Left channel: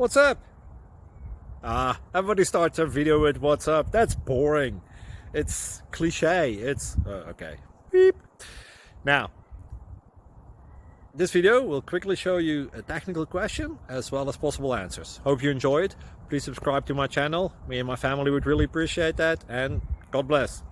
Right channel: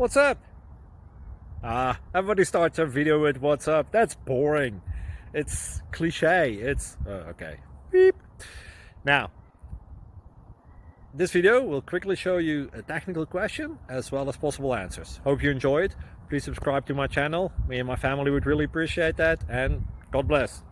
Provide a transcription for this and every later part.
What's up? Everybody starts a video with what's up. That's boring. It's cliche. It's okay. Beep. Now, this video will quickly show you a technical question as well as possible answers. Hope you enjoyed. Please subscribe to my channel. Me and my family would really appreciate that, and God bless.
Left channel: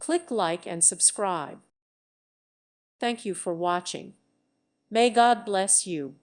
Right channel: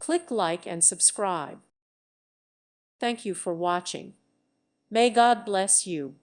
Click like and subscribe. Thank you for watching. May God bless you.